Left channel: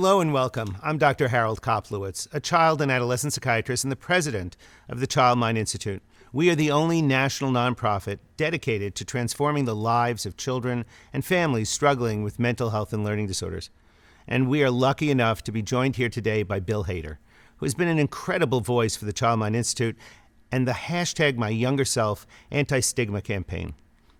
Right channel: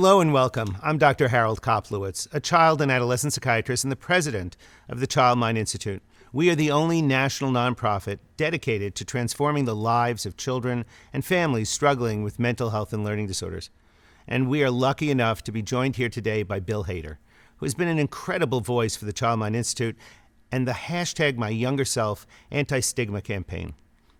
Hello and welcome. I'm Dr. Harold Koplewicz, a child and adolescent psychiatrist and the president of the Child Mind Institute. We are the only national nonprofit dedicated to transforming the lives of children and families struggling with mental health and learning disorders. And we are lucky enough to be joined here today by Bill Hader, who has been an incredible voice for the Child Mind Institute and the hashtag My Younger Self anti-stigma campaign.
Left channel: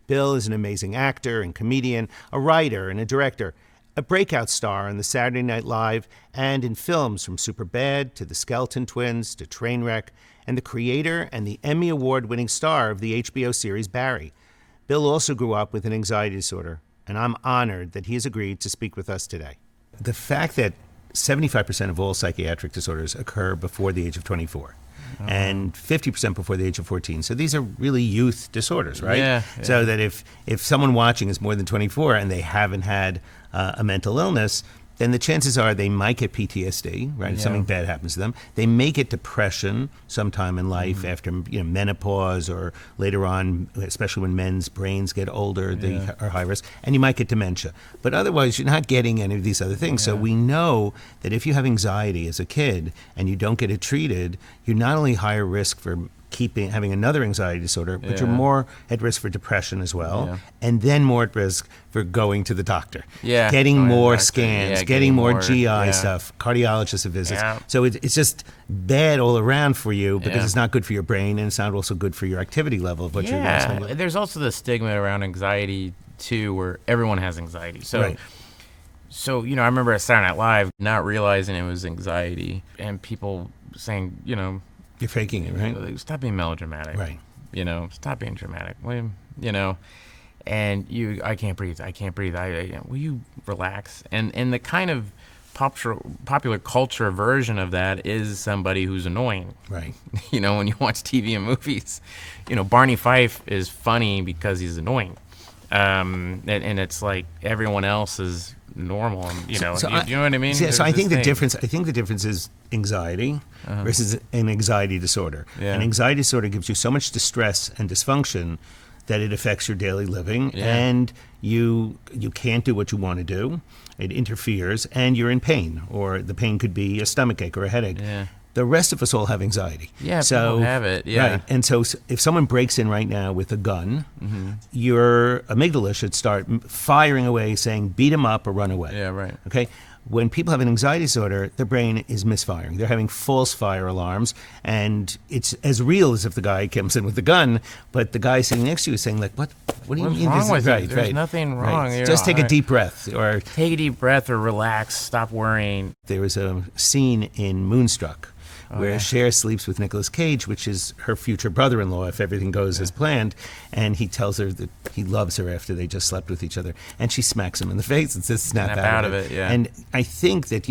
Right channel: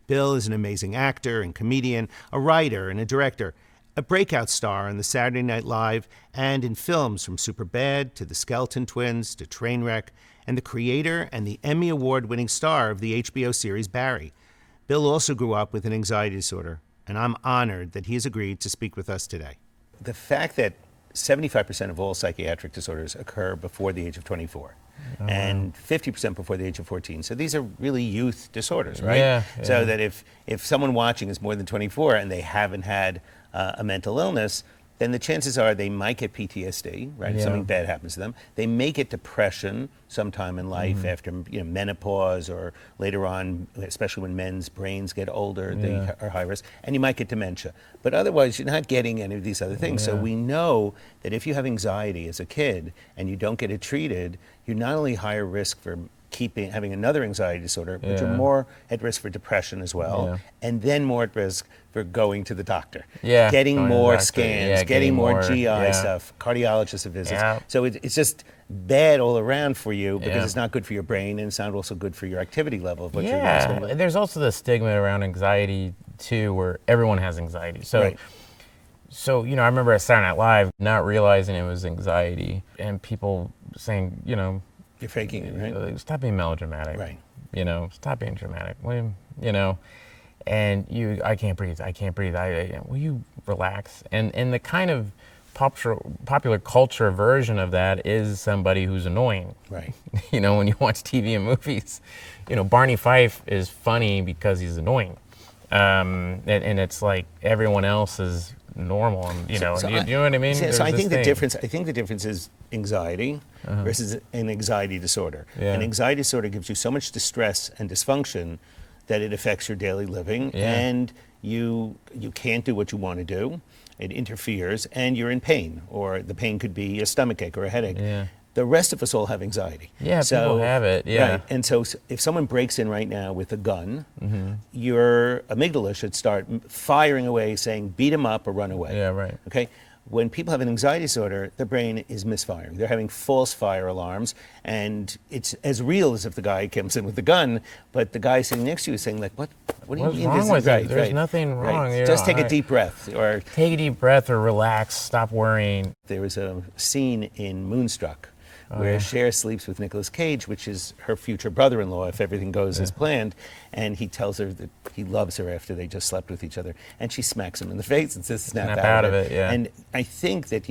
Bill is an amazing actor and comedian, a writer and a director, a breakout star on the Saturday Night Live and in films from Superbad to The Skeleton Twins to Trainwreck, and the creator and the Emmy Award-winning star of the HBO series Barry. Bill also grew up with an anxiety disorder, and I'm honored that he has agreed to speak with us today. The fact that 75% of all psychiatric disorders occur before the age of 24. And 50% before the age of 14. So these are really youth disorders, right? Yeah. So that if someone watching is more than 24 and they haven't had a mental illness, then the chances are they might get PTSD, right? If something bad happens to them. They may get depression sometime in life after menopause or later on, especially when men's brains get older, they are high risk. And you might get dementia. But otherwise, you're not getting any of these other things. So we know that if you have anxiety as a kid and you don't get it treated, you're not only higher risk for having another anxiety disorder, but you're more at risk for depression as well, and then more at risk for going to the doctor, getting more scans, getting more GI stuff, cardiologist visits. So it's just bad all around for you because it's not good for your brain, and it's not also good for your activity level of what you're doing. There's also the stigma around anxiety too, where everyone has anxiety. So I remember at Saturday Night Live not realizing it was anxiety, and people saying, you're faking it, right? Stop being melodramatic. Right. Stop being dramatic. And I can't breathe. Will you relax? And the kind of popular culture version of that is somebody who's annoying. Right. When you watch TV and movies, Barney Fife is funny because he's annoying. And it's like everyone else is normal. You know what I mean? So I think the difference is anxiety versus an anxiety disorder. An anxiety disorder gives you so much distress and dysfunction that it affects your daily living, and you can't do what you want to do. It interferes, and you're in pain, or the pain could be a stomachache or a headache. The rest of us all have anxiety. People have it. Right. And so if someone breaks in right now with a gun, your amygdala should start firing away, saying, beat him up or run away. Okay? When people have an anxiety disorder, their brain is misfiring. They're having false fire alarms, and it's as real as if the guy comes in with the gun, but the guy sitting next to you is saying, like, what do you mean? What's wrong with you? There's nothing wrong. Just take a deep breath. Or take a deep breath or relax. Stop worrying. There was a scene in Moonstruck where Cher sleeps with Nicolas Cage, which is her future brother-in-law, if everything goes as planned, and he tells her that he loves her after they just slept with each other, and she smacks him in the face and says, snap out of it. And I think that,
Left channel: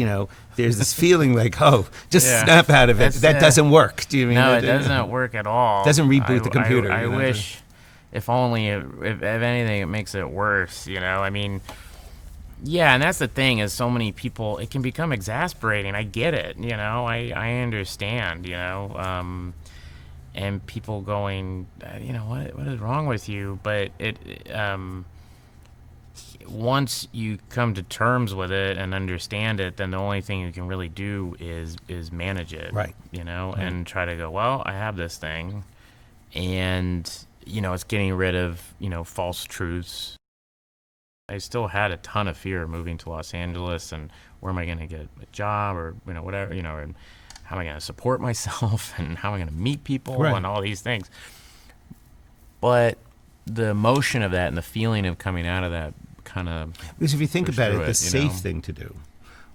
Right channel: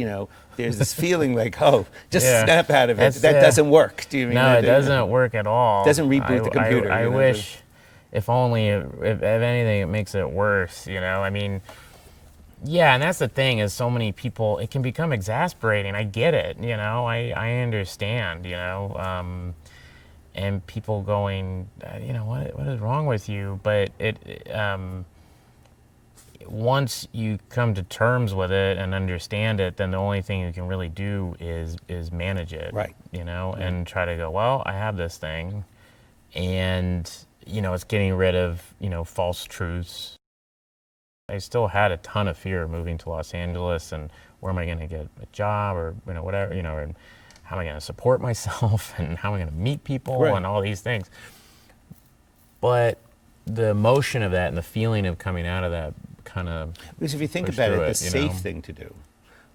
there's this feeling like, snap out of it. That doesn't work. Do you mean it doesn't work at all. It doesn't reboot the computer. I wish, if only, if anything, it makes it worse, Yeah, and that's the thing is so many people, it can become exasperating. I get it, I understand, and people going, what is wrong with you? But once you come to terms with it and understand it, then the only thing you can really do is manage it, and try to go, well, I have this thing, and, it's getting rid of, false truths. I still had a ton of fear moving to Los Angeles and where am I going to get a job or, whatever, and how am I going to support myself and how am I going to meet people and all these things. But the emotion of that and the feeling of coming out of that kind of because if you think about it, the safe thing to do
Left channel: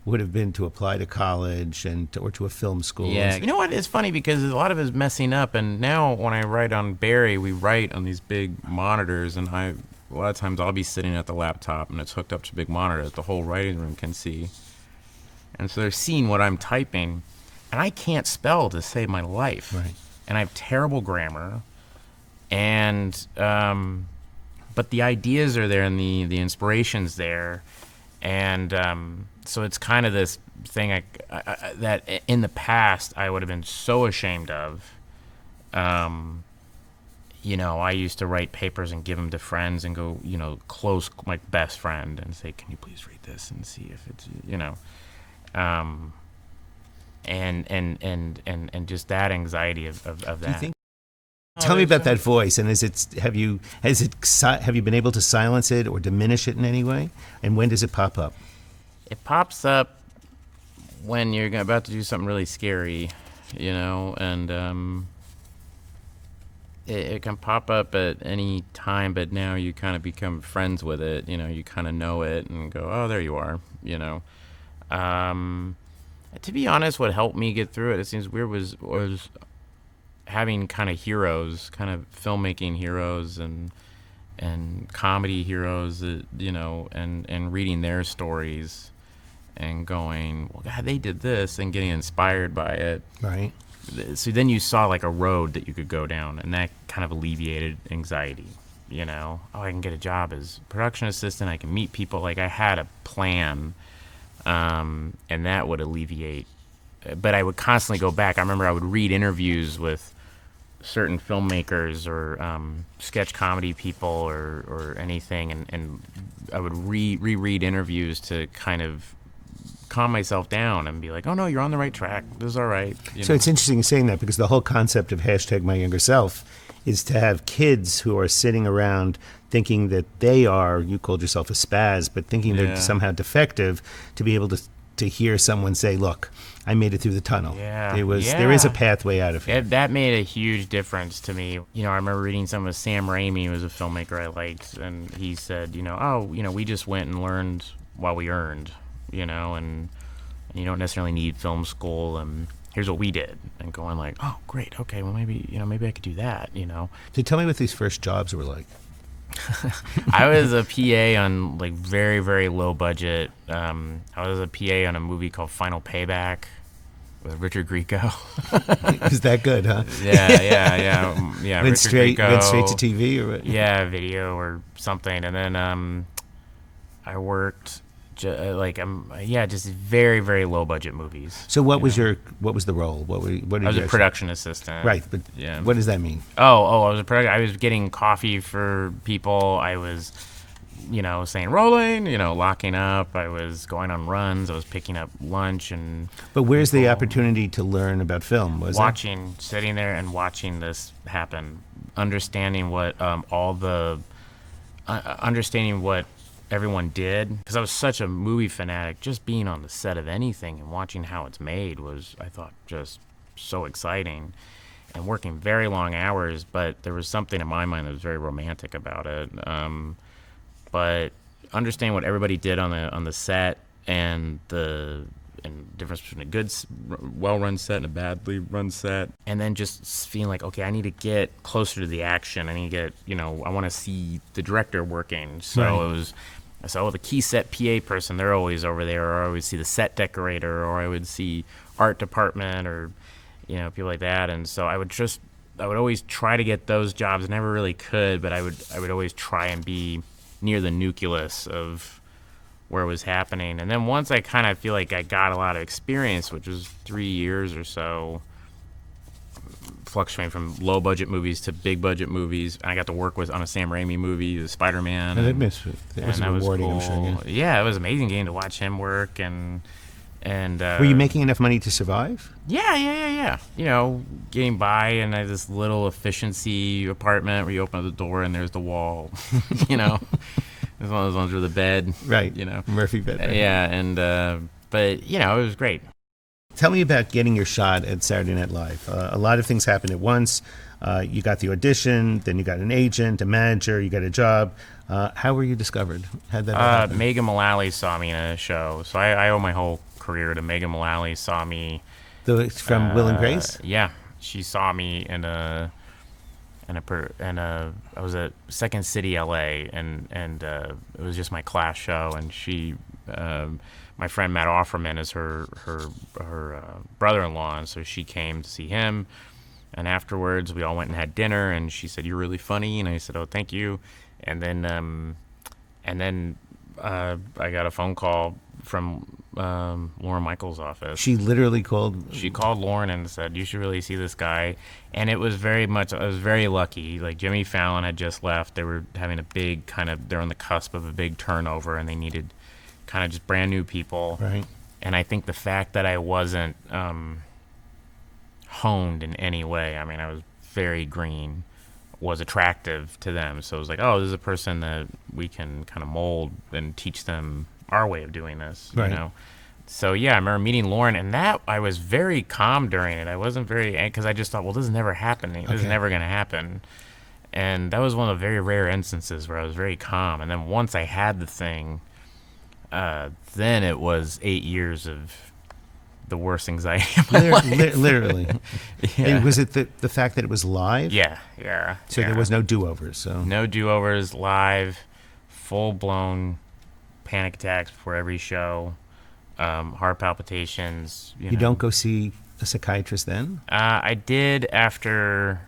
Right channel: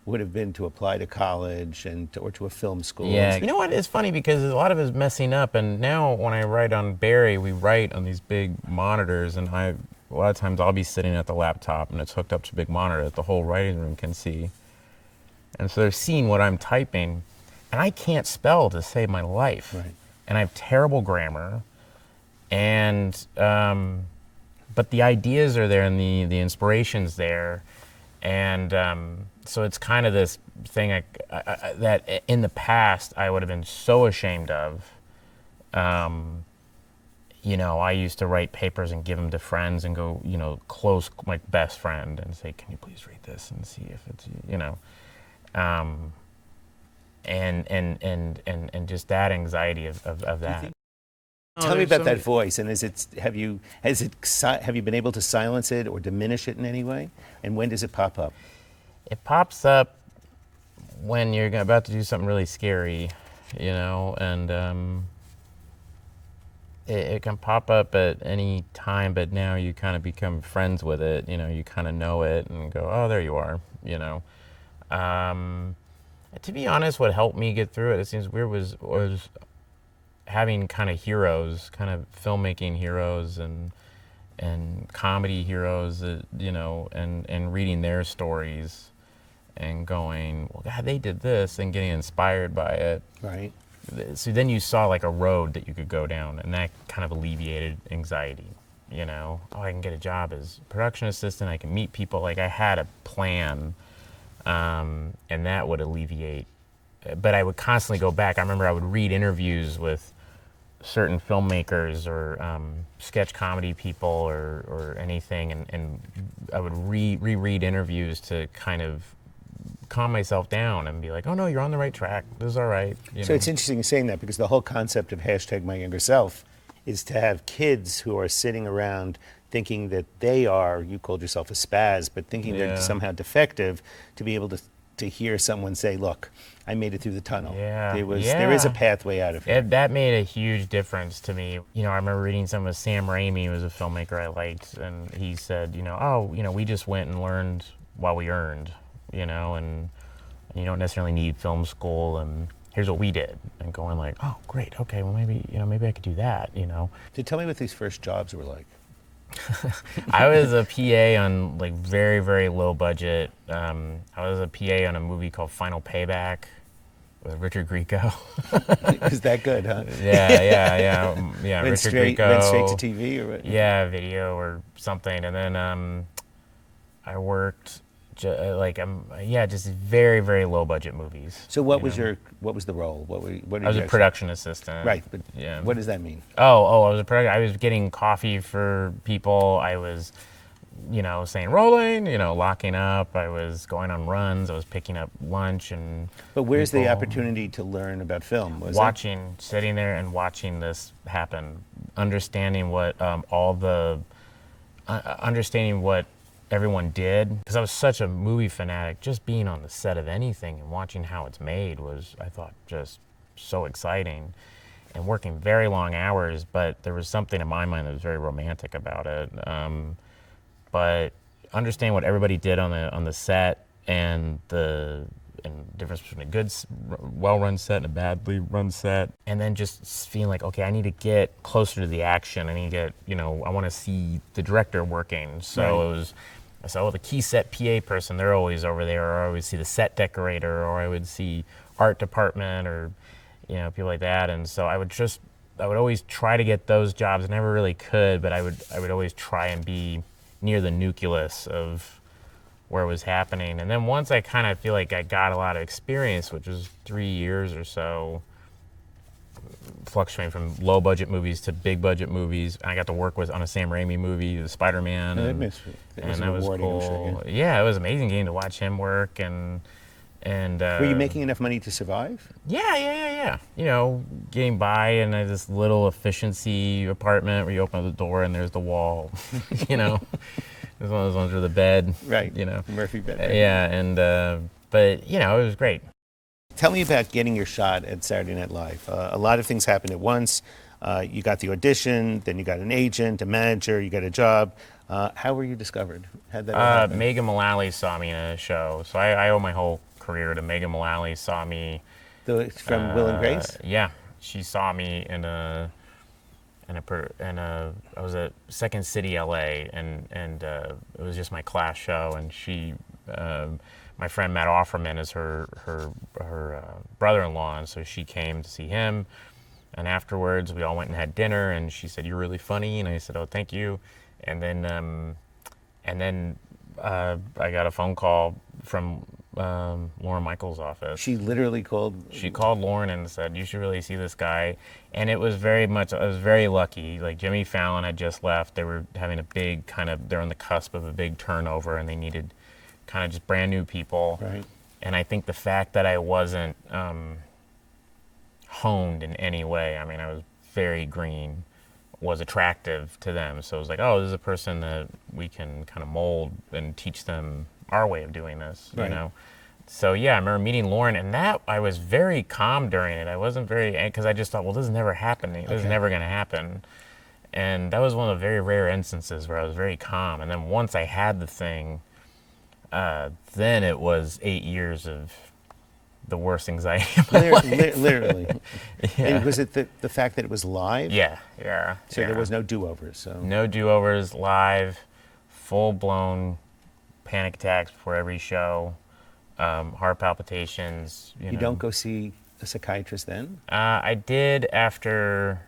would have been to apply to college or to a film school. Yeah, you know what? It's funny because a lot of it is messing up. And now when I write on Barry, we write on these big monitors, and a lot of times I'll be sitting at the laptop and it's hooked up to a big monitor that the whole writing room can see. And so they're seeing what I'm typing, and I can't spell to save my life. And I have terrible grammar. And but the ideas are there and the inspiration's there. And so it's kind of this thing that in the past I would have been so ashamed of. I used to write papers and give them to friends and go, close my best friend and say, can you please read this and see if it's, And just that anxiety of that. Tell me about that voice, and have you been able to silence it or diminish it in any way? And when does it pop up? It pops up when you're about to do something really scary, and it can pop up at any time, but now you kind of become friends with it. You kind of know it and go, oh, there you are. To be honest, what helped me get through it seems weird, was having kind of heroes, kind of filmmaking heroes and comedy heroes, and reading their stories and going, well, God, they did this, and getting inspired by it. Right. So then you saw like a road that you could go down, and that kind of alleviated anxiety. Oh, I can get a job as production assistant. I can meet people. Like I had a plan, and that would alleviate. But I would constantly go back. I remember I would read interviews with certain filmmakers or sketch comedy people or anything, and I would reread interviews to kind of calm myself down and be like, oh no, you're on the right track. This is all right. So it's interesting you're saying that, because the whole concept of #MyYoungerSelf is to have kids who are sitting around thinking that they are, you called yourself a spaz, but thinking they're somehow defective, to be able to hear someone say, look, I made it through the tunnel. There is a pathway out of it. That made a huge difference to me. I remember reading some of Sam Raimi, who was a filmmaker I liked, and he said, we just went and learned while we earned, and you don't necessarily need film school, and here's what we did, and going like, oh, great, okay, well maybe I could do that, So tell me what these first jobs were like. I was a PA on like very, very low budget. I was a PA on a movie called Final Payback with Richard Grieco. Is that good, huh? Yeah. Richard Grieco. Went straight to TV, or what? Yeah, video or something, and then I worked just very, very low budget movies. So what was the role? What did I was a production assistant. Right, but what does that mean? I was a production. I was getting coffee for people. I was, saying rolling, locking up. I was going on runs. I was picking up lunch and. But where's the opportunity to learn about film? Sitting there and watching this happen, understanding what understanding what everyone did, because I was such a movie fanatic. Just being on the set of anything and watching how it's made was, I thought, just so exciting, and working very long hours. But there was something in my mind that was very romantic about it. But understanding what everybody did on the set, and the difference between a good, well-run set and a badly run set, and then just feeling like, okay, I need to get closer to the action. I need to get, I want to see the director working. So right. It was. So the key set PA person, they're always over there, or I would see the set decorator, or I would see art department, or people like that. And so I would always try to get those jobs. I never really could, but I would always try and be near the nucleus of where it was happening. And then once I kind of feel like I got a lot of experience, which was 3 years or so, fluctuating from low budget movies to big budget movies. I got to work on a Sam Raimi movie, the Spider-Man, and that was cool. Sure, yeah, it was amazing getting to watch him work. And were you making enough money to survive? Yeah. Getting by in this little efficiency apartment where you open up the door and there's the wall. There's one of those ones with the bed. Right. Murphy bed. Right? Yeah, and but it was great. Tell me about getting your shot at Saturday Night Live. A lot of things happened at once. You got the audition, then you got an agent, a manager, you got a job. How were you discovered? How'd that happen? Megan Mullally saw me in a show. So I owe my whole career to Megan Mullally. Saw me from Will and Grace? Yeah, she saw me I was at Second City, LA, and it was just my class show, and she. My friend Matt Offerman is her brother-in-law, and so she came to see him. And afterwards, we all went and had dinner, and she said, "You're really funny," and I said, "Oh, thank you." And then I got a phone call from Lauren Michaels' office. She literally called. She called Lauren and said, "You should really see this guy." And it was I was very lucky. Like Jimmy Fallon had just left. They were having a big they're on the cusp of a big turnover, and they needed kind of just brand new people. Right. And I think the fact that I wasn't honed in any way, I mean, I was very green, was attractive to them. So it was like, oh, this is a person that we can kind of mold and teach them our way of doing this, Right. you know? So yeah, I remember meeting Lauren, and that I was very calm during it. I wasn't very, because I just thought, well, this is never happening. This is never going to happen. And that was one of the very rare instances where I was very calm. And then once I had the thing, then it was 8 years of the worst anxiety of my life. Literally. Yeah. And was it the fact that it was live? Yeah. So there was no do-overs. So No do-overs, live, full-blown panic attacks before every show, heart palpitations. You know. don't go see a psychiatrist then? I did after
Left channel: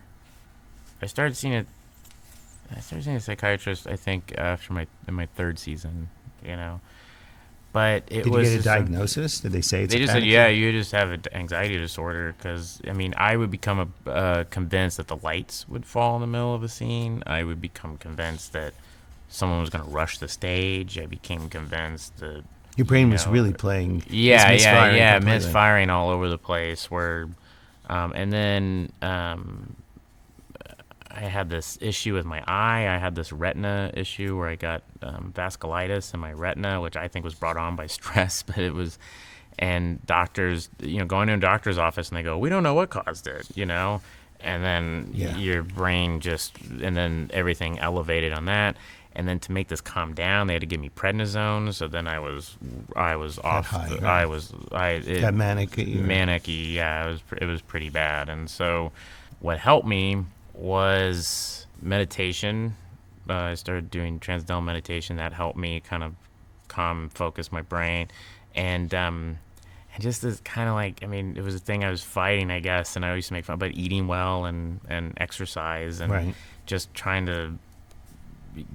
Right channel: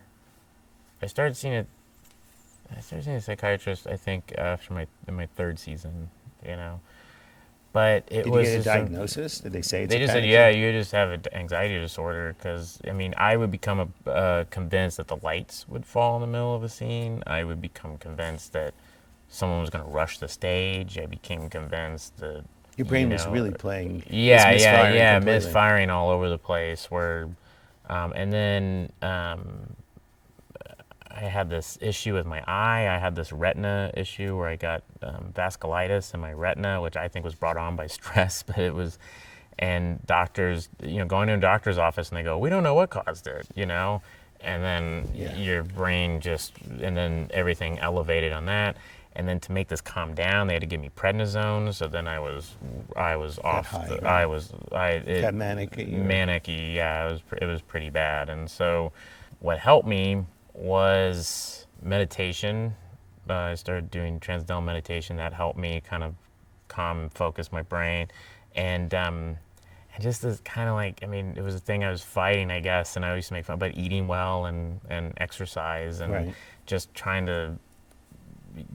I started seeing a psychiatrist, I think, after my third season, you know. But it Did was you get a just diagnosis? Did they say it's they a just said, panic yeah, attack? you just have an anxiety disorder. Because, I mean, I would become convinced that the lights would fall in the middle of a scene. I would become convinced that someone was going to rush the stage. I became convinced that Your brain you was know, really playing. yeah, misfiring yeah, completely. misfiring all over the place. Where, and then I had this issue with my eye. I had this retina issue where I got vasculitis in my retina, which I think was brought on by stress, but it was. And doctors, you know, going to a doctor's office and they go, we don't know what caused it, you know, and then your brain and then everything elevated on that. And then to make this calm down, they had to give me prednisone. So then I was off. High, right? Got manic. Manic-y, yeah, it was pretty bad. And so what helped me was meditation. I started doing transcendental meditation. That helped me kind of calm and focus my brain. And just this kind of like, I mean, it was a thing I was fighting, I guess, and I used to make fun about eating well and exercise and just trying to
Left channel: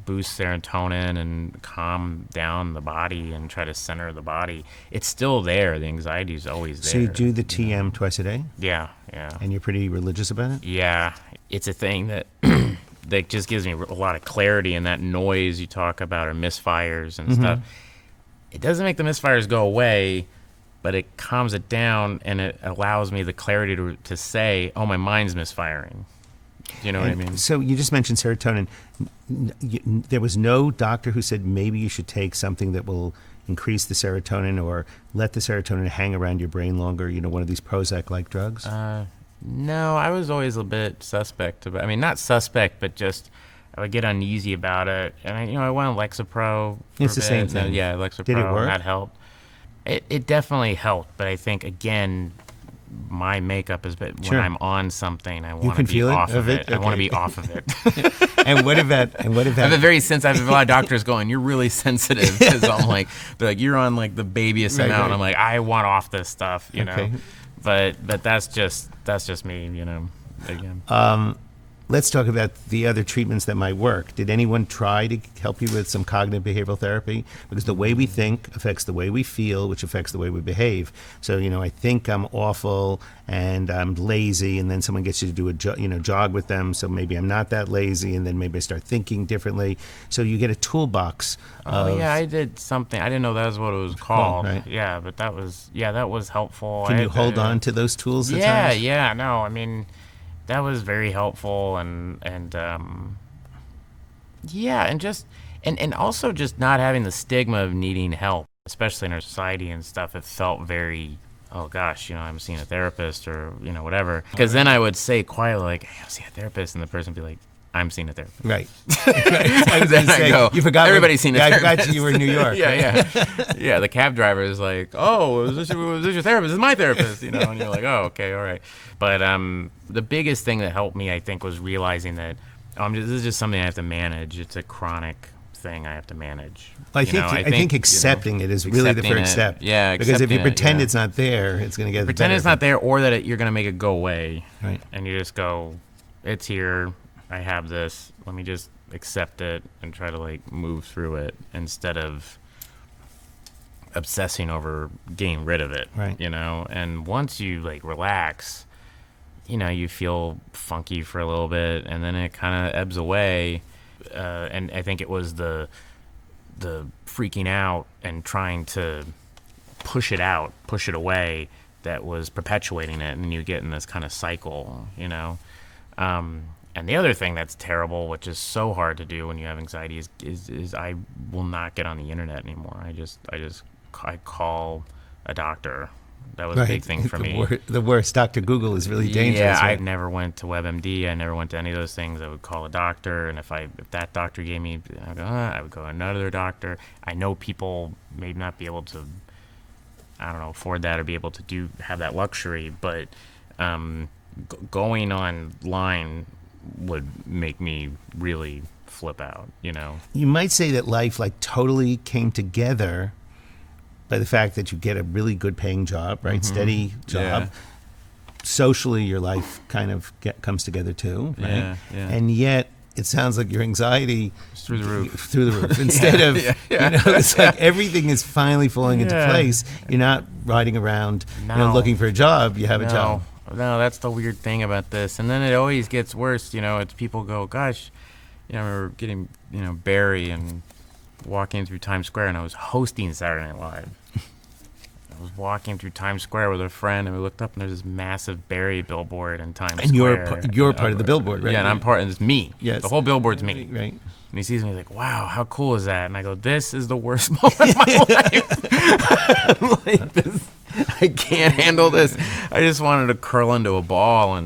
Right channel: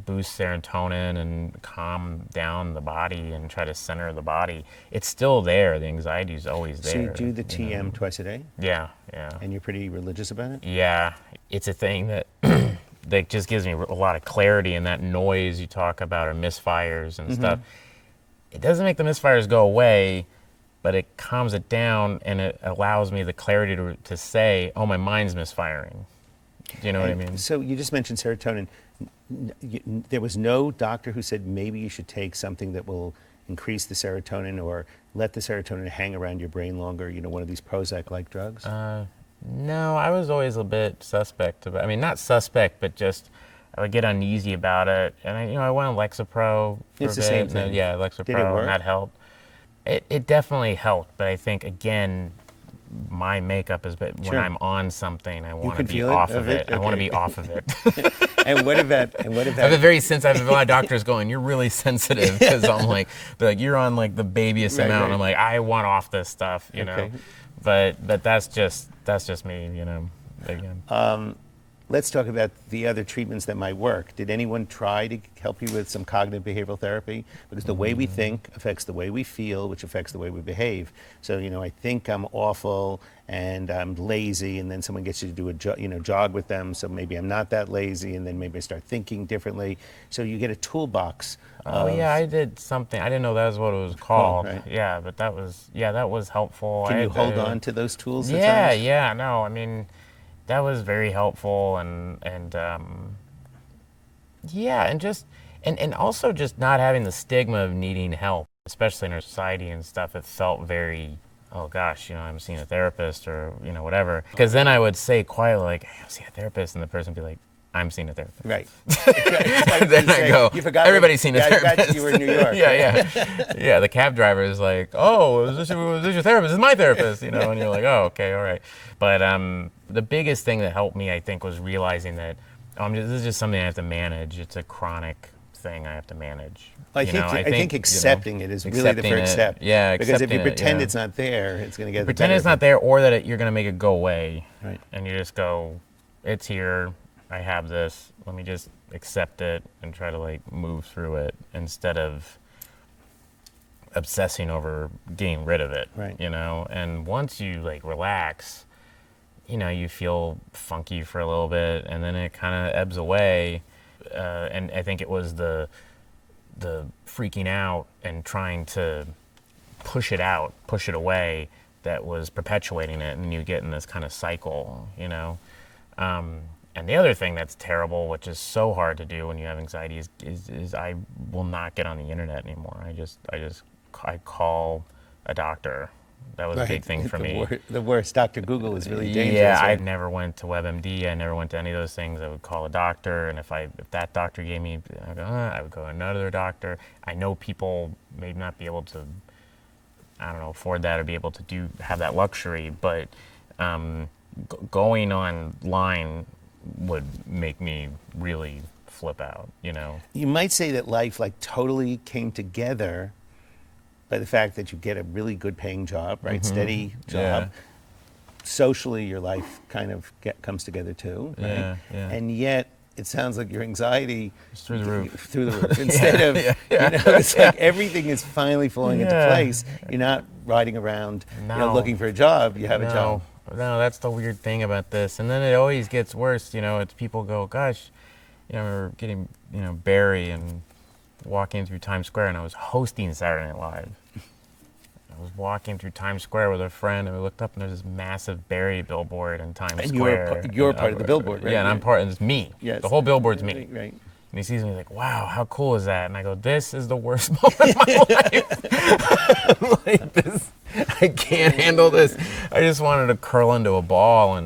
boost serotonin and calm down the body and try to center the body. It's still there. The anxiety is always there. So you do the TM twice a day? Yeah. And you're pretty religious about it? Yeah. It's a thing that that just gives me a lot of clarity, and that noise you talk about or misfires and stuff. It doesn't make the misfires go away, but it calms it down, and it allows me the clarity to say, oh, my mind's misfiring. Do you know what I mean? So you just mentioned serotonin. There was no doctor who said maybe you should take something that will increase the serotonin or let the serotonin hang around your brain longer, you know, one of these Prozac-like drugs? No, I was always a bit suspect about. I mean, not suspect, but just I would get uneasy about it. And I went on Lexapro for It's a the bit. same thing. Yeah, Did it Lexapro, work? and that helped. It definitely helped, but I think again, my makeup is when Sure. I'm on something, I want to can be feel it off of of it? it. I want to Okay. be off of it. And what about I have a lot of doctors going, you're really sensitive, because I'm like, they're like, you're on like the babyest Right, amount. right. And I'm like, I want off this stuff, you know. Okay. But that's just me, you know. Again. Let's talk about the other treatments that might work. Did anyone try to help you with some cognitive behavioral therapy? Because the way we think affects the way we feel, which affects the way we behave. So, you know, I think I'm awful and I'm lazy, and then someone gets you to do a jog with them. So maybe I'm not that lazy, and then maybe I start thinking differently. So you get a toolbox. Oh yeah, I did something. I didn't know that was what it was called. right. Yeah, but that was helpful. Can you hold on to those tools? at Yeah, times? yeah. No, I mean, that was very helpful, and yeah, and also just not having the stigma of needing help, especially in our society and stuff. It felt very, oh gosh, you know, I'm seeing a therapist or, you know, whatever. Because then I would say quietly, like, hey, I'm seeing a therapist, and the person would be like, I'm seeing a therapist. Right. It's like Then you I say, go, you forgot everybody's seen a I therapist. forgot you were in New York. Yeah. The cab driver is like, oh, is this your therapist? This is my therapist, you know, and you're like, oh, okay, all right. But the biggest thing that helped me, I think, was realizing that this is just something I have to manage. It's a chronic thing I have to manage. I think accepting it is really the first step. Yeah, because if you accepting it, pretend yeah. it's not there, it's going to get Pretend better. it's not there, or that you're going to make it go away. Right. And you just go, it's here. I have this. Let me just accept it and try to like move through it instead of obsessing over getting rid of it. Right. You know, and once you like relax, you know, you feel funky for a little bit, and then it kind of ebbs away. And I think it was the freaking out and trying to push it out, push it away, that was perpetuating it, and you get in this kind of cycle, you know. And the other thing that's terrible, which is so hard to do when you have anxiety, is I will not get on the internet anymore. I call a doctor. That was a big thing for me. The worst. Dr. Google is really dangerous. Yeah, right? I never went to WebMD. I never went to any of those things. I would call a doctor, and if that doctor gave me, I would go to another doctor. I know people may not be able to, I don't know, afford that or be able to have that luxury, but going online would make me really flip out, you know. You might say that life like totally came together by the fact that you get a really good paying job, right? Steady job. Yeah. Socially, your life kind of comes together too, right? Yeah. And yet, it sounds like your anxiety It's through the roof. Through the roof. Instead of, you know, it's like everything is finally falling into place. You're not riding around, looking for a job. You have a job. No, that's the weird thing about this. And then it always gets worse. You know, it's people go, gosh, you know, I remember getting, you know, Barry and walking through Times Square, and I was hosting Saturday Night Live. I was walking through Times Square with a friend, and we looked up, and there's this massive Barry billboard in Times Square. And you're part of the billboard, right? Yeah, and I'm part, and it's me. Yes. The whole billboard's me. Right. And he sees me, he's like, wow, how cool is that? And I go, this is the worst moment of my life. Like this, I can't handle this. I just wanted to curl into a ball.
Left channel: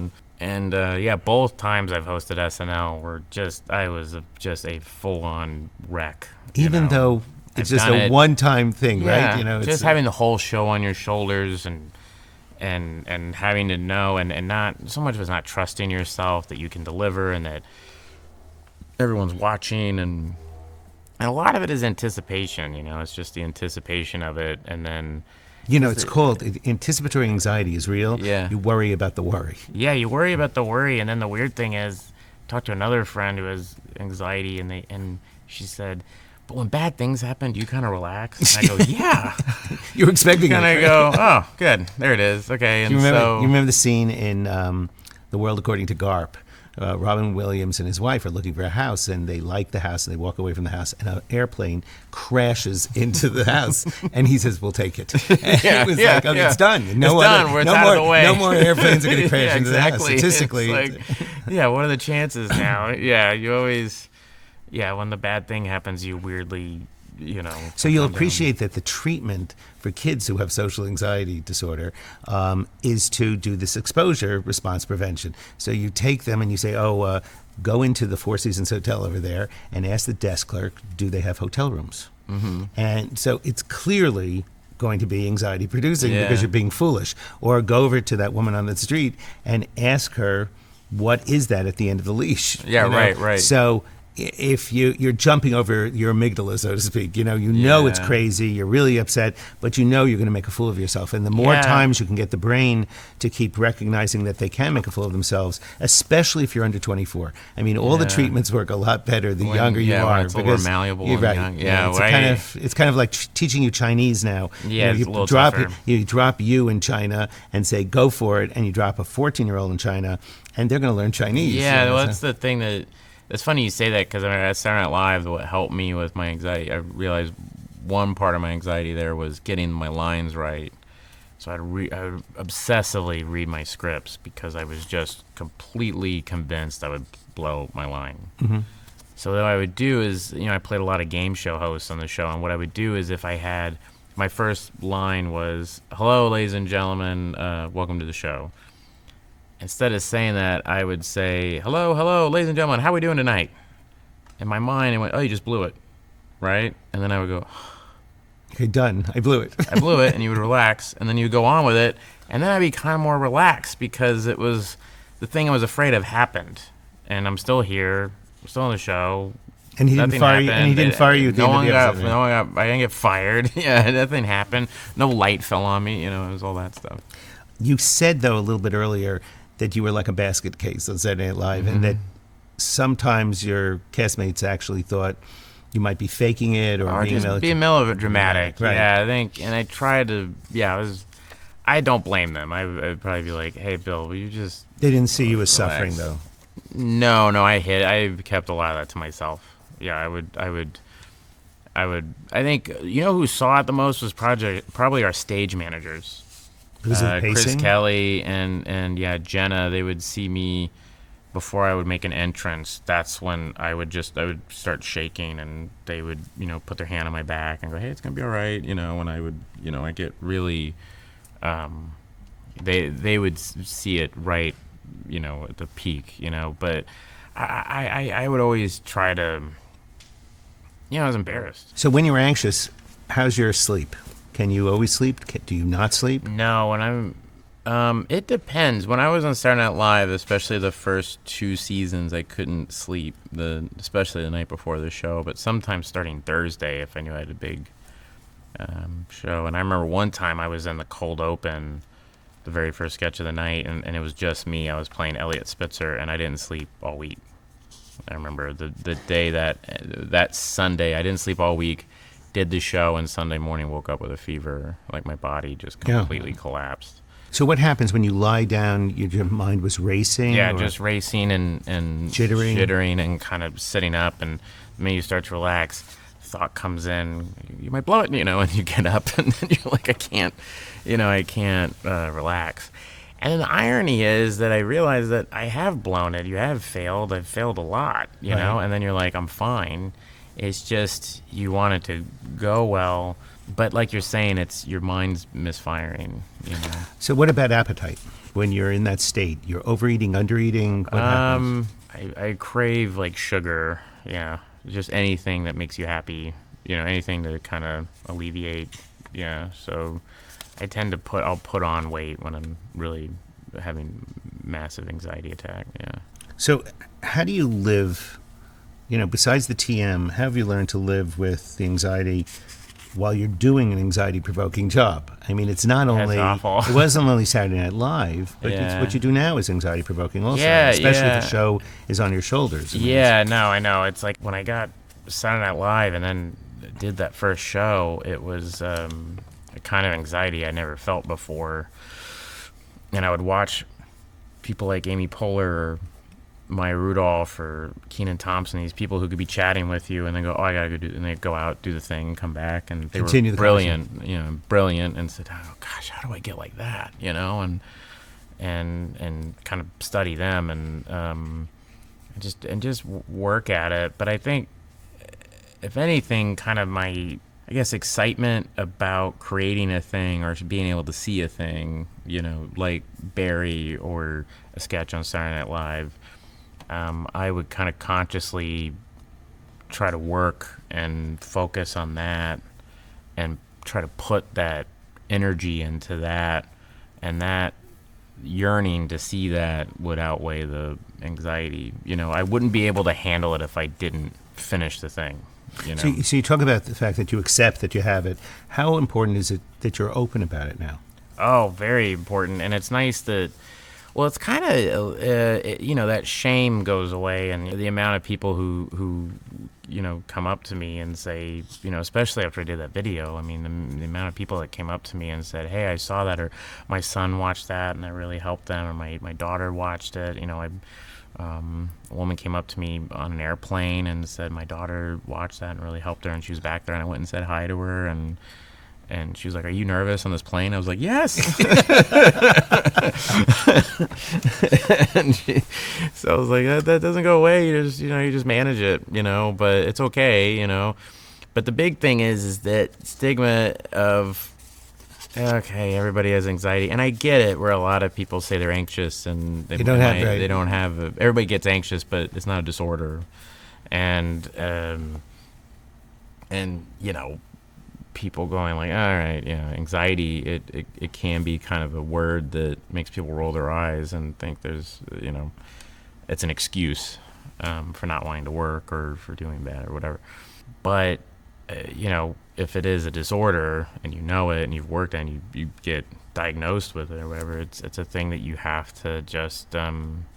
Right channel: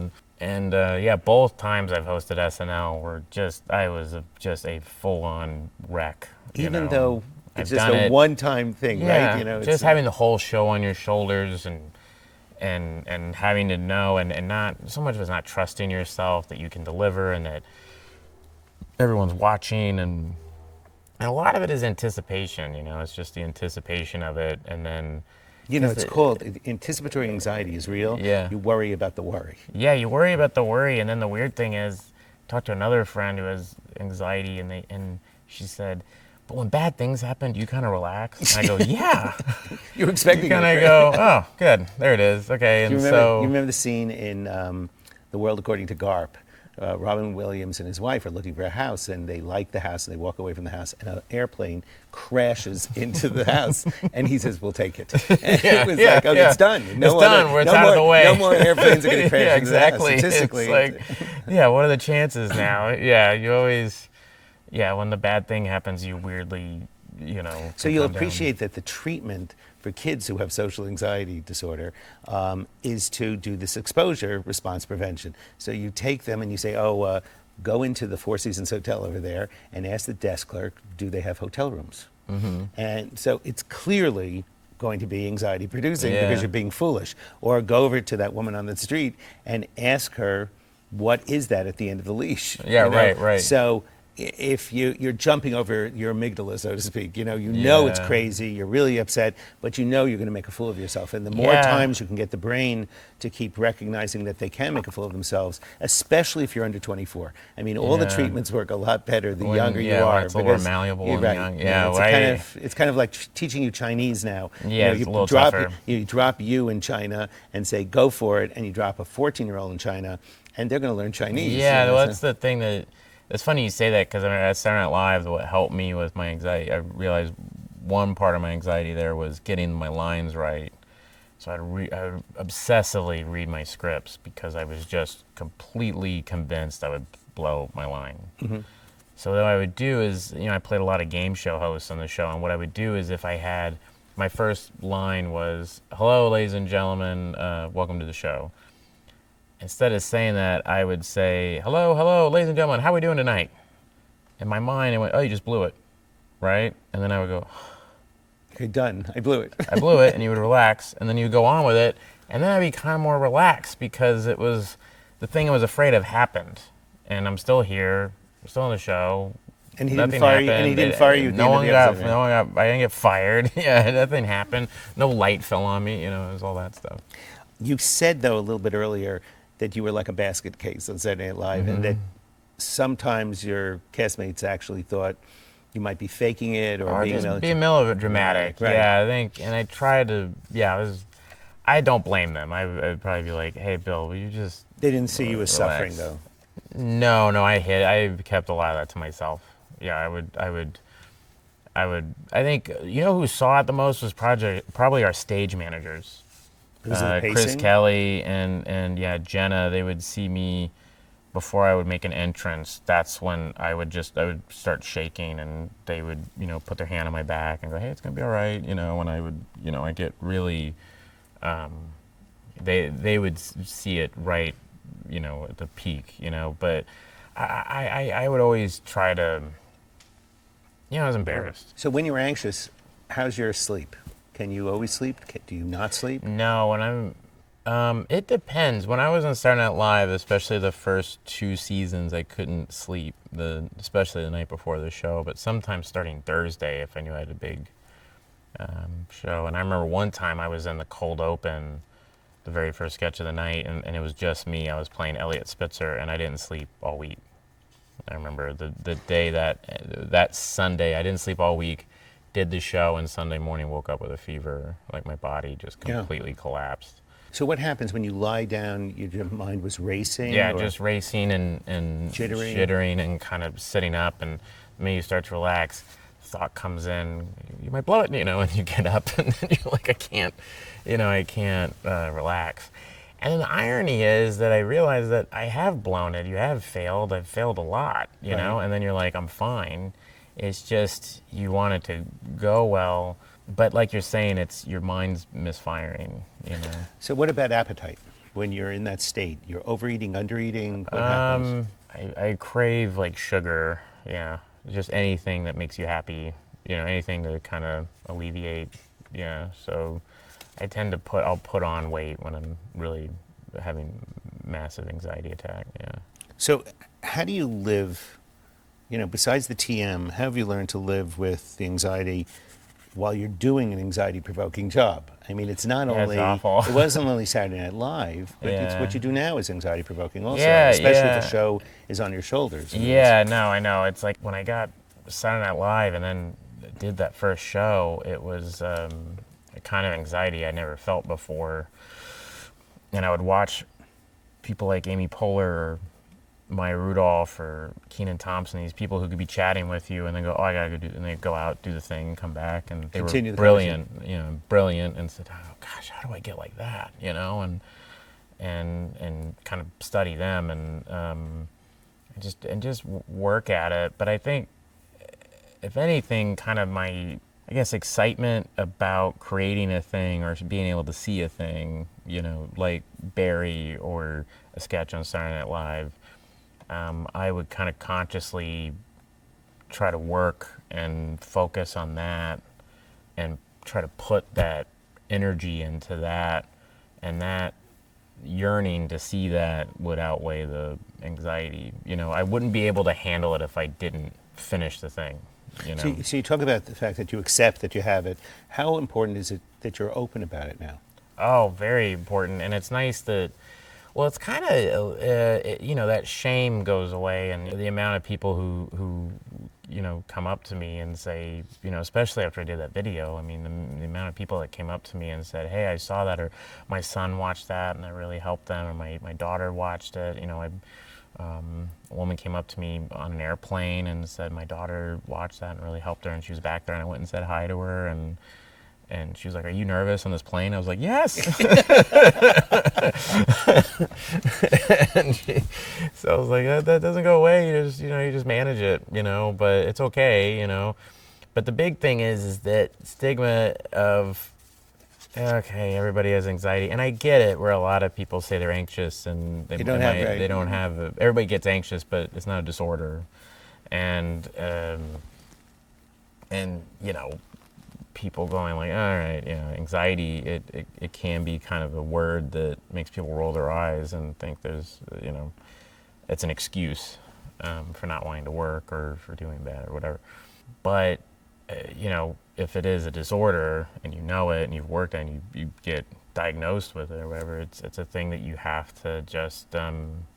And yeah, both times I've hosted SNL were I was just a full-on wreck. Even though it's I've just done a it. one-time thing, Yeah, right? You know, just having the whole show on your shoulders and having to know and not so much of it's not trusting yourself that you can deliver and that everyone's watching and a lot of it is anticipation, you know. It's just the anticipation of it, and then you know, it's called anticipatory anxiety is real. Yeah. You worry about the worry. Yeah, you worry about the worry, and then the weird thing is, I talked to another friend who has anxiety, and she said, but when bad things happen, do you kind of relax? And I go, yeah. You're expecting And I go, oh, good, there it is. Okay, and you remember the scene in The World According to Garp? Robin Williams and his wife are looking for a house, and they like the house, and they walk away from the house, and an airplane crashes into the house, and he says, "We'll take it." And it was like, okay, it's done. It's done. It's out of the way. No more airplanes are going to crash yeah, into the house. exactly. Statistically, it's like, yeah, what are the chances now? Yeah, you always, when the bad thing happens, you weirdly, you know. So you'll appreciate that the treatment for kids who have social anxiety disorder is to do this exposure response prevention. So you take them and you say, go into the Four Seasons Hotel over there and ask the desk clerk, do they have hotel rooms? Mm-hmm. And so it's clearly going to be anxiety producing because you're being foolish. Or go over to that woman on the street and ask her, what is that at the end of the leash? Yeah, right. So if you're jumping over your amygdala, so to speak, you know it's crazy, you're really upset, but you know you're going to make a fool of yourself. And the more times you can get the brain to keep recognizing that they can make a fool of themselves, especially if you're under 24. I mean, all the treatments work a lot better the younger you are. When it's a little more malleable and young. It's kind of like teaching you Chinese now. Yeah, it's a little tougher. You drop you in China and say, go for it, and you drop a 14-year-old in China, and they're going to learn Chinese. Yeah, well, that's the thing that... It's funny you say that because at Saturday Night Live, what helped me with my anxiety, I realized one part of my anxiety there was getting my lines right. So I would obsessively read my scripts because I was just completely convinced I would blow my line. Mm-hmm. So what I would do is, I played a lot of game show hosts on the show, and what I would do is if I had, my first line was, "Hello, ladies and gentlemen, welcome to the show." Instead of saying that, I would say, hello, ladies and gentlemen, how are we doing tonight? In my mind, it went, oh, you just blew it, right? And then I would go, okay, done. I blew it. I blew it, and you would relax, and then you would go on with it, and then I'd be kind of more relaxed because it was the thing I was afraid of happened, and I'm still here, we're still on the show. And he didn't fire you. And he didn't fire you. I didn't get fired. Yeah, nothing happened. No light fell on me. It was all that stuff. You said though a little bit earlier that you were like a basket case on Saturday Night Live, and that sometimes your castmates actually thought you might be faking it or just being melodramatic. Right. Yeah, I think, and I tried to. Yeah, I don't blame them. I'd probably be like, "Hey, Bill, will you just?" They didn't see you as suffering, though. No, I kept a lot of that to myself. Yeah, I would. I think, who saw it the most was probably our stage managers. Was it Chris pacing? Kelly and yeah, Jenna. They would see me before I would make an entrance. That's when I would start shaking, and they would, put their hand on my back and go, "Hey, it's gonna be all right." When I would, I get really, they would see it right, at the peak, But I would always try to, I was embarrassed. So when you're anxious, how's your sleep? Can you always sleep? Do you not sleep? No, when it depends. When I was on Saturday Night Live, especially the first 2 seasons, I couldn't sleep, especially the night before the show. But sometimes starting Thursday, if I knew I had a big show. And I remember one time I was in the cold open, the very first sketch of the night, and it was just me. I was playing Elliot Spitzer, and I didn't sleep all week. I remember the day that Sunday, I didn't sleep all week. Did the show, and Sunday morning woke up with a fever. Like my body just completely collapsed. So what happens when you lie down? Your mind was racing? Yeah, just racing and jittering and kind of sitting up, and when you start to relax, thought comes in, you might blow it, and you get up, and then you're like, I can't relax. And the irony is that I realize that I have blown it. I've failed a lot, know, and then you're like, I'm fine. It's just you want it to go well, but like you're saying, it's your mind's misfiring, So what about appetite? When you're in that state, you're overeating, undereating? What happens? I crave like sugar, yeah, just anything that makes you happy, anything to kind of alleviate, yeah. So I tend to I'll put on weight when I'm really having massive anxiety attack, yeah. So how do you live? Besides the TM, how have you learned to live with the anxiety while you're doing an anxiety-provoking job? I mean, it's not only... It's awful. It wasn't only Saturday Night Live, but it's what you do now is anxiety-provoking also. Yeah, especially if the show is on your shoulders. Yeah, no, I know. It's like when I got Saturday Night Live and then did that first show, it was a kind of anxiety I never felt before. And I would watch people like Amy Poehler or Maya Rudolph or Kenan Thompson, these people who could be chatting with you and then go, oh, I gotta go do, and they go out, do the thing, come back, and they Continue were the brilliant, and said, oh gosh, how do I get like that, and kind of study them and just work at it. But I think, if anything, kind of my, I guess, excitement about creating a thing or being able to see a thing, like Barry or a sketch on Saturday Night Live. I would kind of consciously try to work and focus on that and try to put that energy into that, and that yearning to see that would outweigh the anxiety. I wouldn't be able to handle it if I didn't finish the thing. So you talk about the fact that you accept that you have it. How important is it that you're open about it now? Oh, very important. And it's nice that, well, it's kind of, that shame goes away, and the amount of people who come up to me and say, especially after I did that video, I mean, the amount of people that came up to me and said, hey, I saw that, or my son watched that and it really helped them, or my daughter watched it. A woman came up to me on an airplane and said my daughter watched that and really helped her, and she was back there, and I went and said hi to her, and she was like, are you nervous on this plane? I was like, yes. So I was like, that doesn't go away. You just manage it, but it's okay, But the big thing is that stigma of, okay, everybody has anxiety, and I get it, where a lot of people say they're anxious and they don't have everybody gets anxious, but it's not a disorder, and people going like, all right, anxiety, it can be kind of a word that makes people roll their eyes and think there's, it's an excuse for not wanting to work or for doing bad or whatever. But, if it is a disorder and you know it and you've worked and you get diagnosed with it or whatever, it's a thing that you have to just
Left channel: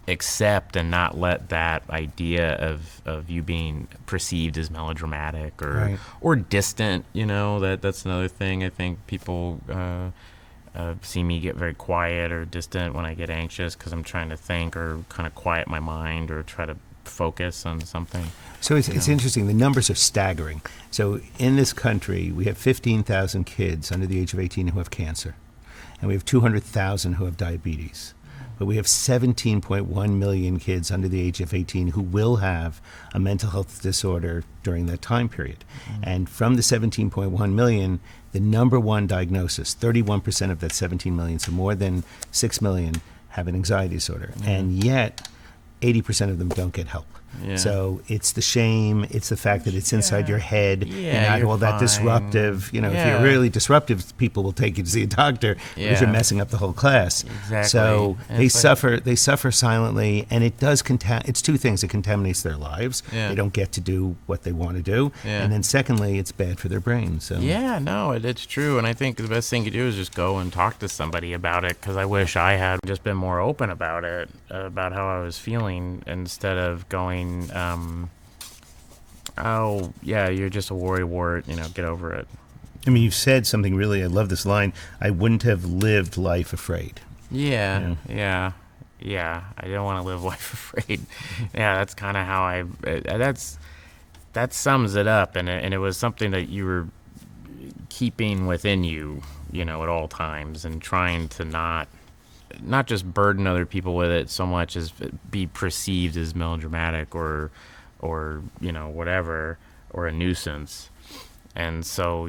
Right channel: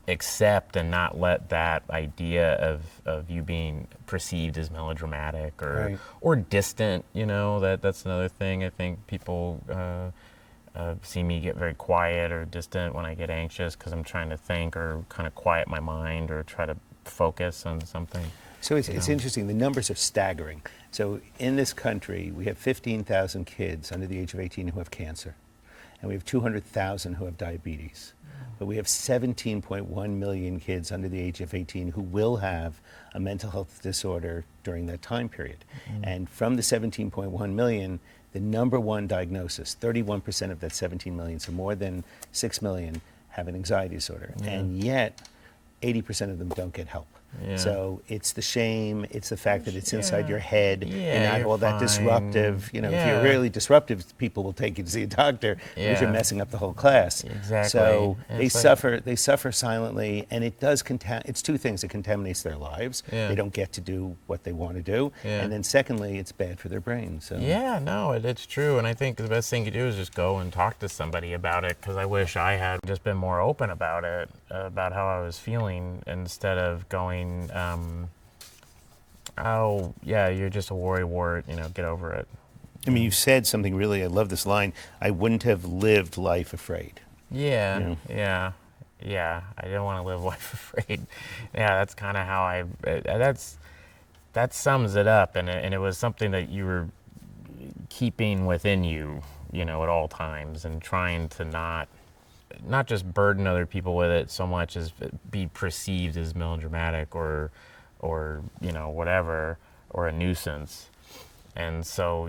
accept and not let that idea of you being perceived as melodramatic or distant, that's another thing. I think people see me get very quiet or distant when I get anxious because I'm trying to think or kind of quiet my mind or try to focus on something. So it's interesting. The numbers are staggering. So in this country, we have 15,000 kids under the age of 18 who have cancer, and we have 200,000 who have diabetes. But we have 17.1 million kids under the age of 18 who will have a mental health disorder during that time period. And from the 17.1 million, the number one diagnosis, 31% of that 17 million, so more than 6 million, have an anxiety disorder. And yet, 80% of them don't get help. Yeah. So it's the shame, it's the fact that it's inside your head, Yeah, and not all that fine. disruptive. You know, if Yeah. you're really disruptive, people will take you to see a doctor because you're Yeah. messing up the whole class. Exactly. So And they it's like- suffer silently, and it does it's two things. It contaminates their lives. Yeah. They don't get to do what they want to do. Yeah. And then secondly, it's bad for their brain. So Yeah, no, it's true. And I think the best thing to do is just go and talk to somebody about it, because I wish I had just been more open about it, about how I was feeling, instead of going, oh, yeah, you're just a worrywart, get over it. I mean, you said something really, I love this line, I wouldn't have lived life afraid. Yeah. I don't want to live life afraid. Yeah, that's kind of how that sums it up. And it was something that you were keeping within you, at all times, and trying to not just burden other people with it so much as be perceived as melodramatic or whatever, or a nuisance. And so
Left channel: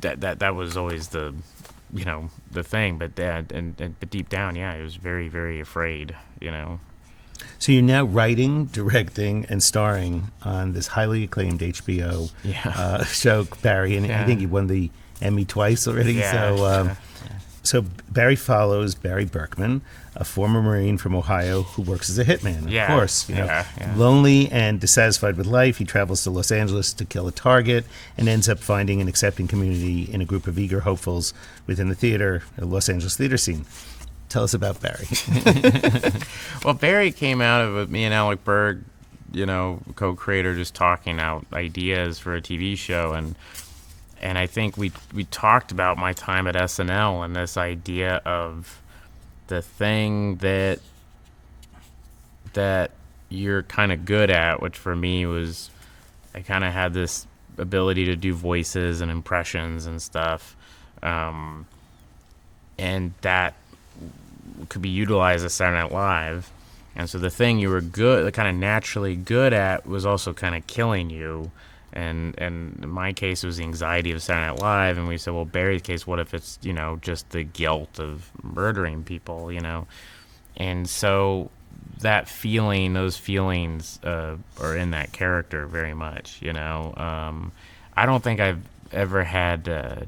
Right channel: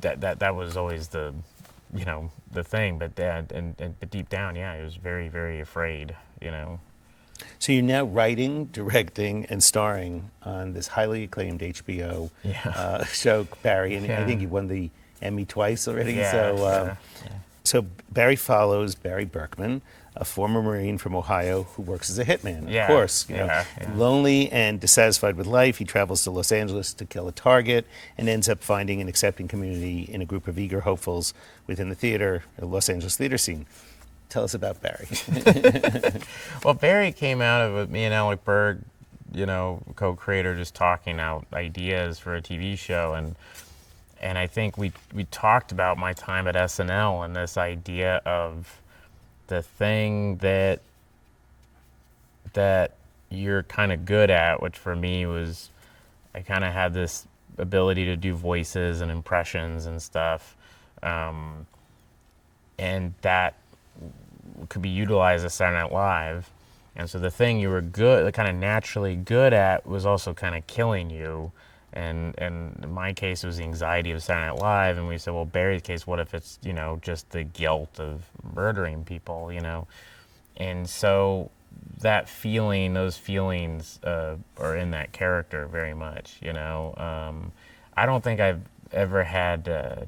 that was always the thing, but but deep down, I was very, very afraid, So you're now writing, directing, and starring on this highly acclaimed HBO show, Barry, and I think you won the Emmy twice already. So Barry follows Barry Berkman, a former Marine from Ohio who works as a hitman. Yeah. Of course, lonely and dissatisfied with life, he travels to Los Angeles to kill a target and ends up finding an accepting community in a group of eager hopefuls within the Los Angeles theater scene. Tell us about Barry. Well, Barry came out of it, me and Alec Berg, co-creator, just talking out ideas for a TV show, and I think we talked about my time at SNL and this idea of the thing that you're kind of good at, which for me was, I kind of had this ability to do voices and impressions and stuff, and that could be utilized at Saturday Night Live. And so the thing you were kind of naturally good at, was also kind of killing you. And in my case, it was the anxiety of Saturday Night Live. And we said, well, Barry's case, what if it's, just the guilt of murdering people, And so that feeling, those feelings are in that character very much, I don't think I've ever had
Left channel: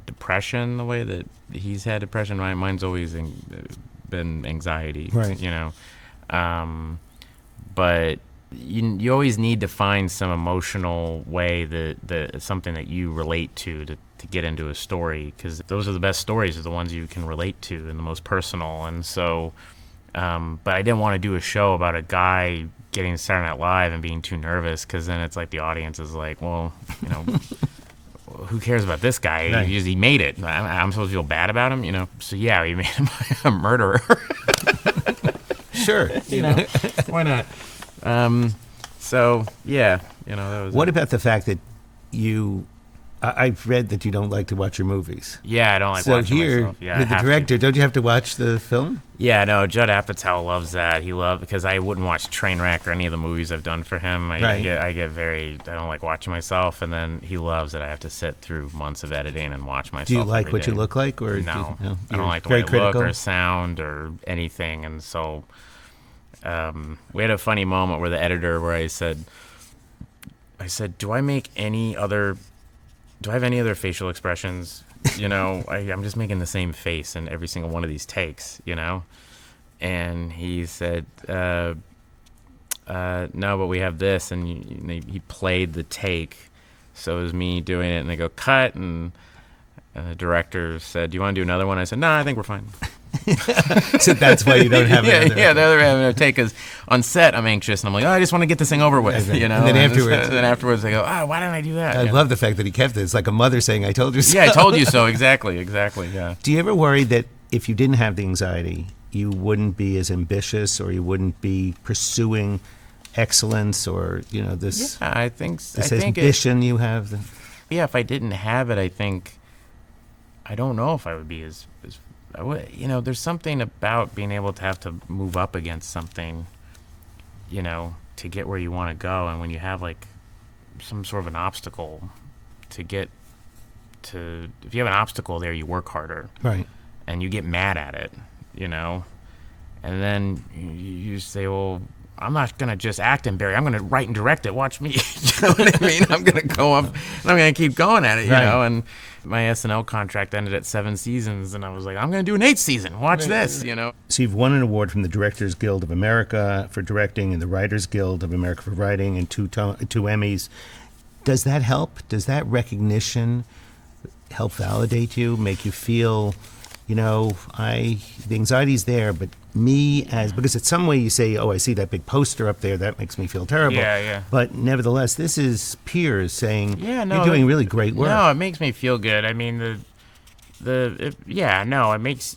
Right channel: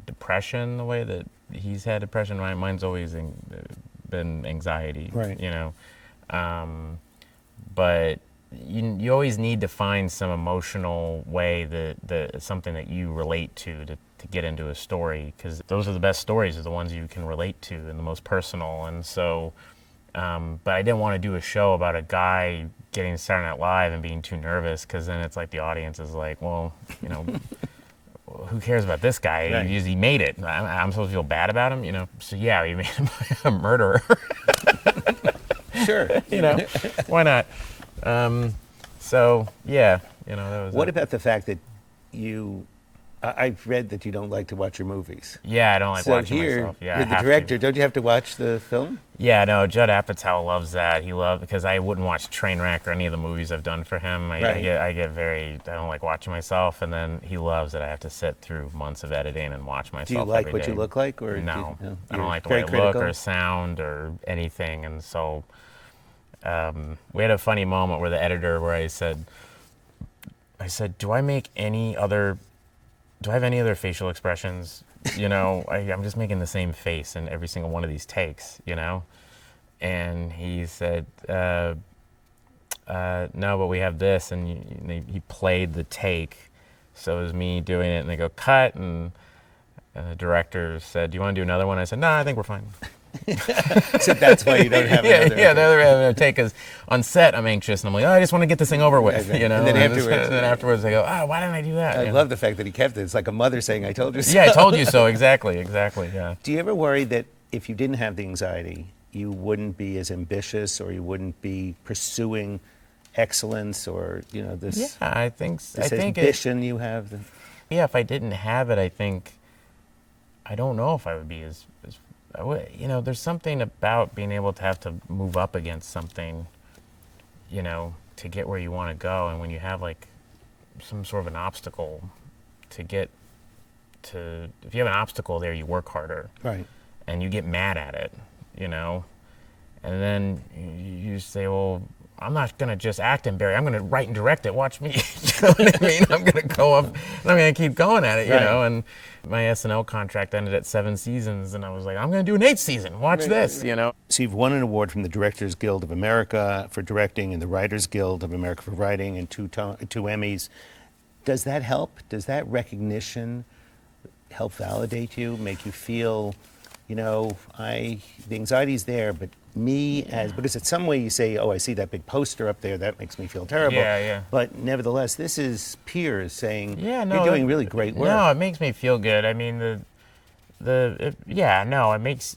depression the way that he's had depression. Mine's always been anxiety, right. But you always need to find some emotional way that something that you relate to get into a story, because those are the best stories, are the ones you can relate to and the most personal. And so, but I didn't want to do a show about a guy getting Saturday Night Live and being too nervous, because then it's like the audience is like, well, who cares about this guy? Right. He made it. I'm supposed to feel bad about him, So yeah, we made him a murderer. Sure. Why not? So yeah, that was. What about the fact that I've read that you don't like to watch your movies. Yeah, I don't like watching myself. Yeah, with the director, don't you have to watch the film? Yeah, no, Judd Apatow loves that. Because I wouldn't watch Trainwreck or any of the movies I've done for him. I don't like watching myself, and then he loves that I have to sit through months of editing and watch myself. Do you like every what day. you look like, or no? No, I don't like the way I look or sound or anything, and so we had a funny moment where the editor, where I said, do I have any other facial expressions? I'm just making the same face in every single one of these takes, And he said, no, but we have this. And he played the take. So it was me doing it, and they go, cut. And the director said, do you want to do another one? I said, no, I think we're fine. So that's why you don't have another. Yeah, the other take is on set, I'm anxious, and I'm like, I just want to get this thing over with, And then afterwards they go, why didn't I do that? I love the fact that he kept it. It's like a mother saying, I told you so. Yeah, I told you so. Exactly, yeah. Do you ever worry that if you didn't have the anxiety, you wouldn't be as ambitious, or you wouldn't be pursuing excellence or, this, Yeah, I think this I think ambition you have? yeah, if I didn't have it, I don't know if I would be as I would, there's something about being able to have to move up against something, to get where you want to go. And when you have like some sort of an obstacle to get to, if you have an obstacle there, you work harder. Right. And you get mad at it, and then you say, well, I'm not going to just act in Barry. I'm going to write and direct it. Watch me. You know what I mean? I'm going to go up and I'm going to keep going at it, you know? And my SNL contract ended at 7 seasons, and I was like, I'm going to do an 8th season. Watch this, So you've won an award from the Directors Guild of America for directing and the Writers Guild of America for writing, and two Emmys. Does that help? Does that recognition help validate you, make you feel, the anxiety's there, but because it's some way you say, oh, I see that big poster up there, that makes me feel terrible. Yeah. But nevertheless, this is peers saying, you're doing really great work. No, it makes me feel good. I mean, it makes,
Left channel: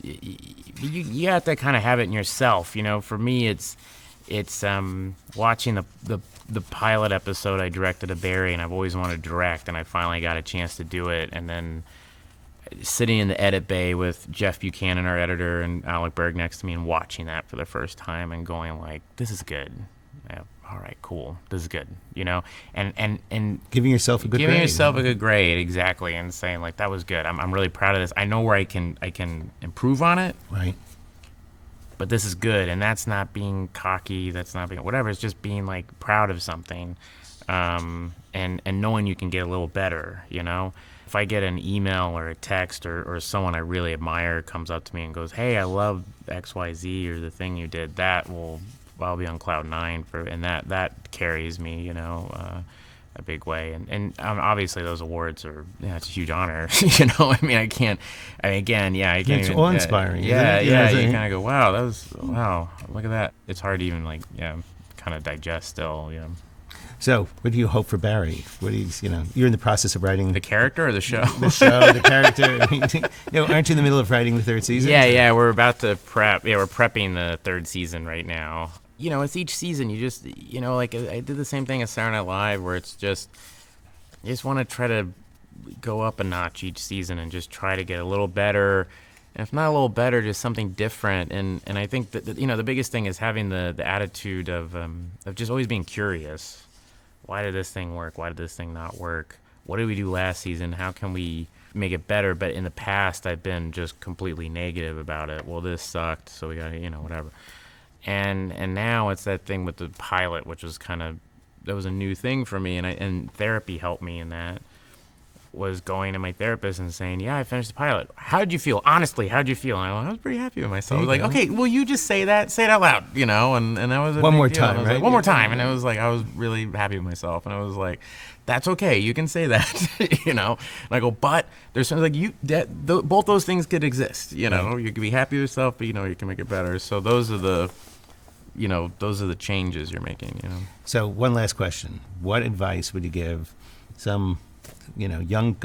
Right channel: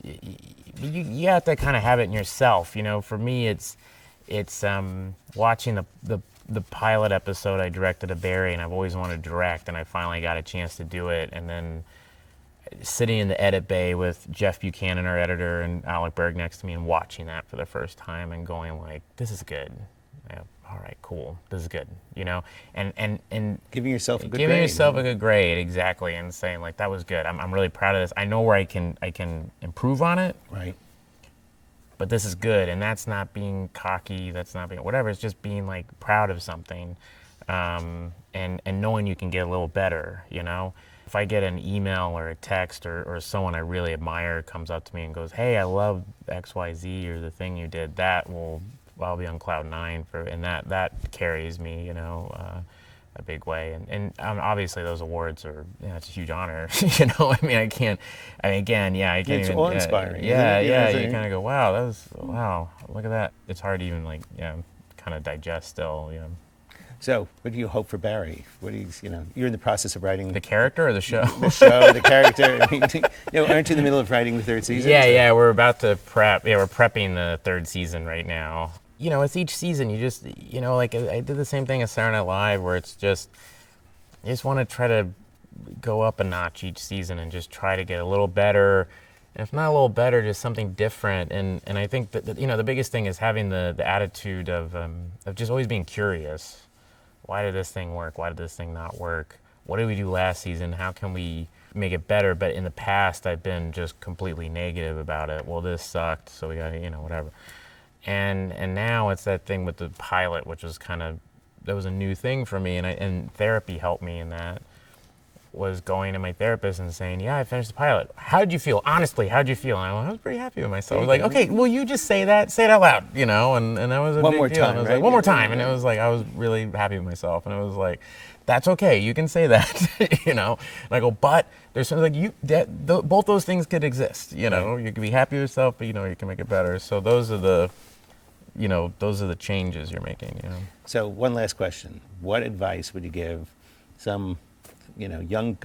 you have to kind of have it in yourself. For me, it's watching the pilot episode I directed of Barry, and I've always wanted to direct, and I finally got a chance to do it, and then sitting in the edit bay with Jeff Buchanan, our editor, and Alec Berg next to me, and watching that for the first time and going like, this is good. Yeah, all right, cool. This is good. And giving yourself a good giving grade. yourself a good grade, exactly, and saying like, that was good. I'm really proud of this. I know where I can improve on it. Right. But this is good, and that's not being cocky. That's not being whatever. It's just being like proud of something, and knowing you can get a little better. If I get an email or a text or someone I really admire comes up to me and goes, "Hey, I love XYZ or the thing you did," I'll be on cloud 9 and that carries me, a big way. And obviously those awards are, it's a huge honor. I mean, I can't even. It's awe-inspiring. Yeah. You kind of go, wow, look at that. It's hard to even kind of digest still. So, what do you hope for Barry? What do you're in the process of writing the character or the show? The show, the character. Aren't you in the middle of writing the 3rd season? Yeah. We're about to prep. Yeah, we're prepping the 3rd season right now. It's each season. You just, like I did the same thing as Saturday Night Live, where it's just, you just want to try to go up a notch each season and just try to get a little better. And if not a little better, just something different. And I think that the biggest thing is having the attitude of just always being curious. Why did this thing work? Why did this thing not work? What did we do last season? How can we make it better? But in the past, I've been just completely negative about it. Well, this sucked, so we got to, whatever. And now it's that thing with the pilot, which was that was a new thing for me, and therapy helped me in that. Was going to my therapist and saying, yeah, I finished the pilot. How did you feel? Honestly, how did you feel? And I was pretty happy with myself. I was like, okay, well, you just say that. Say it out loud, and that was a one big more deal. time, And I was right? like, one more time. And it was like, I was really happy with myself. And I was like, that's okay. You can say that, And I go, but there's something like both those things could exist, You can be happy with yourself, but, you can make it better. So those are the changes you're making, So one last question. What advice would you give some young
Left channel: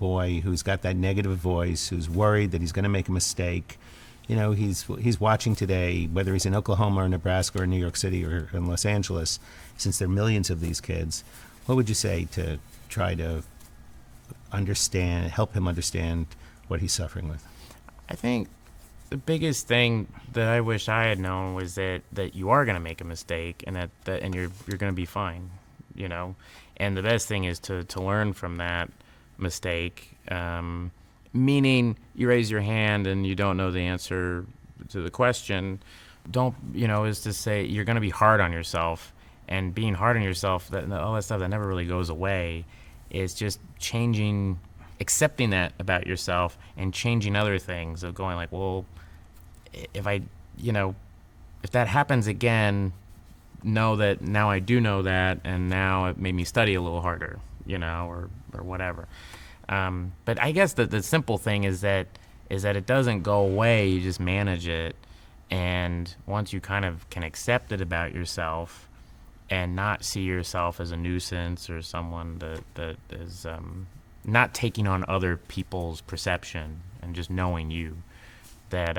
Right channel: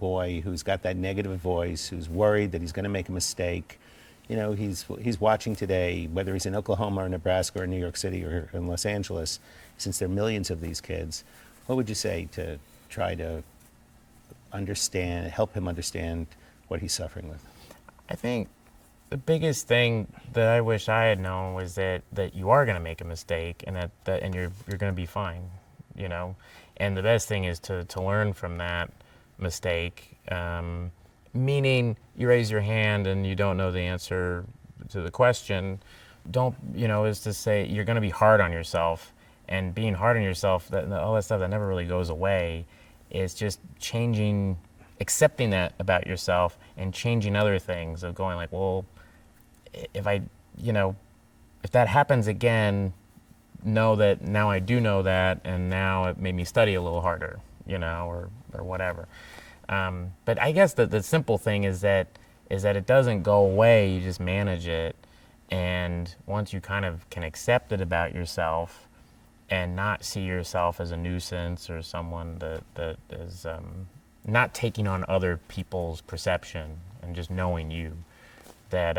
boy who's got that negative voice, who's worried that he's going to make a mistake? He's watching today, whether he's in Oklahoma or Nebraska or New York City or in Los Angeles, since there are millions of these kids. What would you say to try to help him understand what he's suffering with? I think the biggest thing that I wish I had known was that you are going to make a mistake, and and you're going to be fine, And the best thing is to learn from that mistake, meaning you raise your hand and you don't know the answer to the question. Is to say you're going to be hard on yourself, and being hard on yourself, all that stuff that never really goes away, is just accepting that about yourself and changing other things of going like, well, if that happens again, know that now I do know that, and now it made me study a little harder, or whatever. But I guess the simple thing is that it doesn't go away. You just manage it, and once you kind of can accept it about yourself, and not see yourself as a nuisance or someone that is not taking on other people's perception, and just knowing that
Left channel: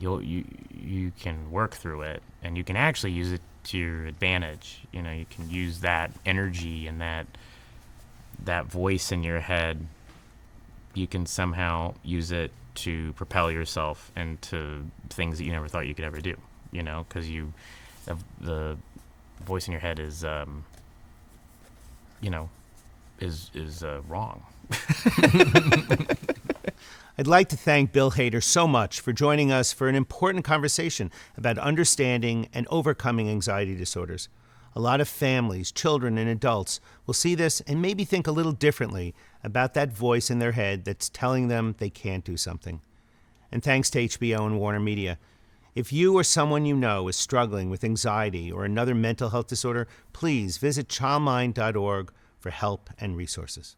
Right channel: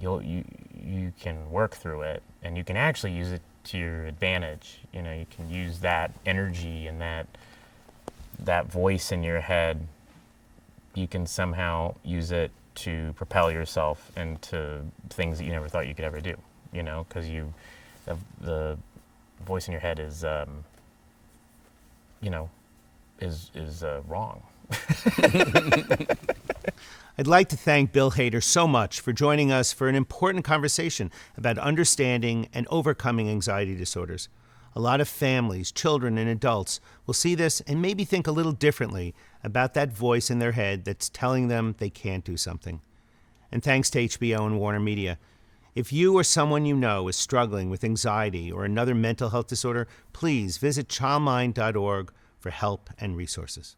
you can work through it, and you can actually use it to your advantage. You know, you can use that energy and that voice in your head. You can somehow use it to propel yourself into things that you never thought you could ever do. You know, because the voice in your head is, wrong. I'd like to thank Bill Hader so much for joining us for an important conversation about understanding and overcoming anxiety disorders. A lot of families, children, and adults will see this and maybe think a little differently about that voice in their head that's telling them they can't do something. And thanks to HBO and Warner Media. If you or someone you know is struggling with anxiety or another mental health disorder, please visit childmind.org for help and resources.